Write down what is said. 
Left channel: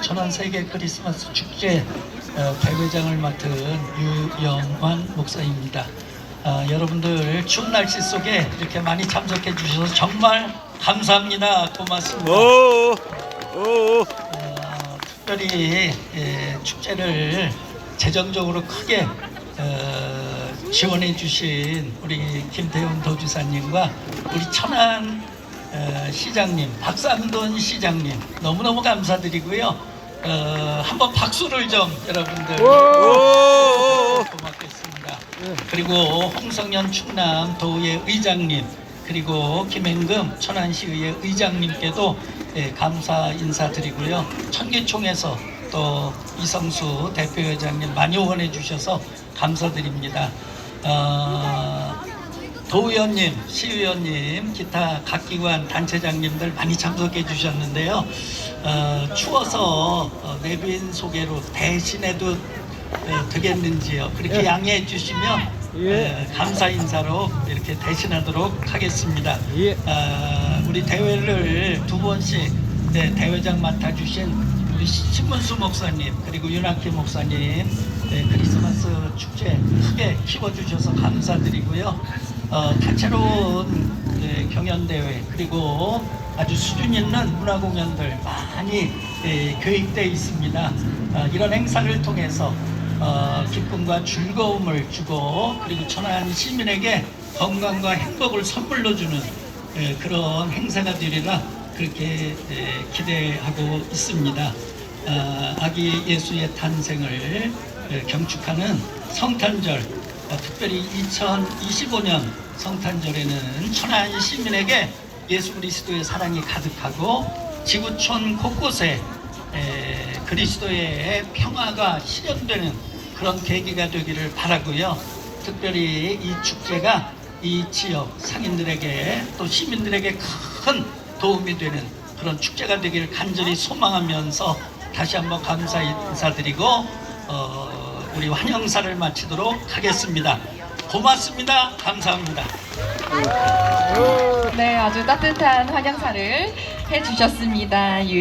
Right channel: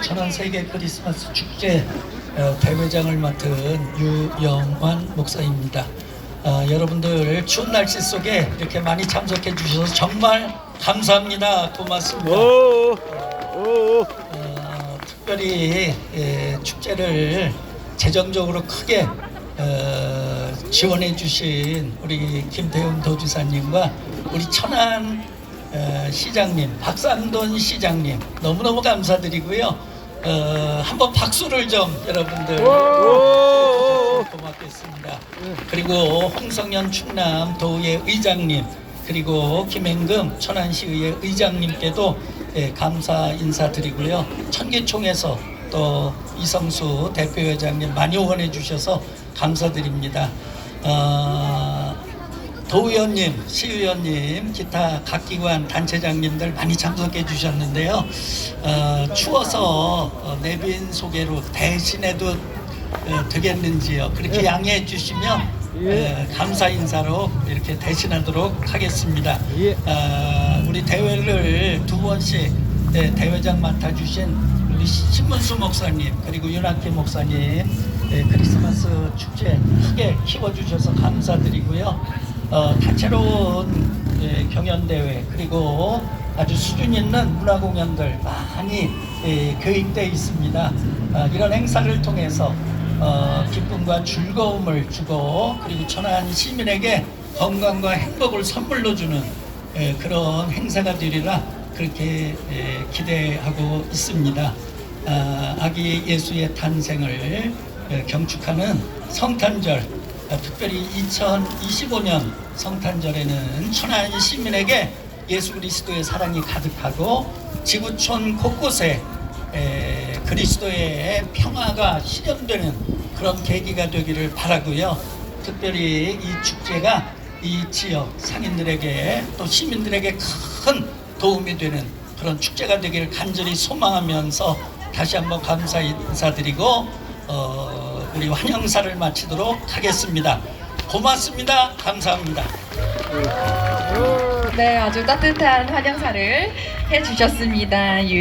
천안 세계 크리스마스 축제 어, 대회장을 맡은 유영환 목사입니다. 어, 여러분들 추운 날씨 속에 이렇게 많이 참석해 주셔서 정말 감사합니다. 고맙습니다. 오, 오, 어, 특별히 예, 축제를 재정적으로 크게 어, 지원해 주신 우리 김태훈 도지사님과 우리 천안 어, 시장님, 박상돈 시장님 너무너무 감사드리고요. 어, 한번 박수를 좀 여러분들. 고맙겠습니다. 그리고 홍성현 충남 도의회 의장님 그리고 김행금 천안시의회 의장님께도 예, 감사 인사드리고요. 천기총에서 또 이성수 대표회장님 많이 응원해 주셔서 감사드립니다. 어, 도의원님, 시의원님, 기타 각 기관 단체장님들 많이 참석해 주셨는데요. 어, 추워서 어, 내빈 소개로 대신해도 어, 되겠는지요. 그렇게 양해해 주시면 어, 감사 인사로 이렇게 대신하도록 하겠습니다. 예. 어, 우리 대회를 두 번씩 네, 대회장 맡아주신 우리 신문수 목사님 그리고 윤학기 목사님 네, 크리스마스 축제 크게 키워주셔서 감사드리고요. 어, 다채로운 예, 경연대회 그리고 아주 수준 있는 문화공연들 많이 예, 계획되어 있습니다. 아, 이런 행사를 통해서 어, 기쁨과 즐거움을 주고 그리고 천안 시민에게 건강과 행복을 선물로 주는 예, 그런 행사가 되리라 그렇게 예, 기대하고 있습니다. 아, 아기 예수의 탄생을 예, 경축하는 성탄절 어, 특별히 2025년 성탄절에는 천안 시민에게 예수 그리스도의 사랑이 가득하고 지구촌 곳곳에 에, 그리스도의 평화가 실현되는 그런 계기가 되기를 바라고요. 특별히 이 축제가 이 지역 상인들에게 또 시민들에게 큰 도움이 되는 그런 축제가 되기를 간절히 소망하면서 다시 한번 감사 인사드리고 어, 우리 환영사를 마치도록 하겠습니다. 고맙습니다. 감사합니다. 네, 아주 따뜻한 환영사를 해주셨습니다. 유-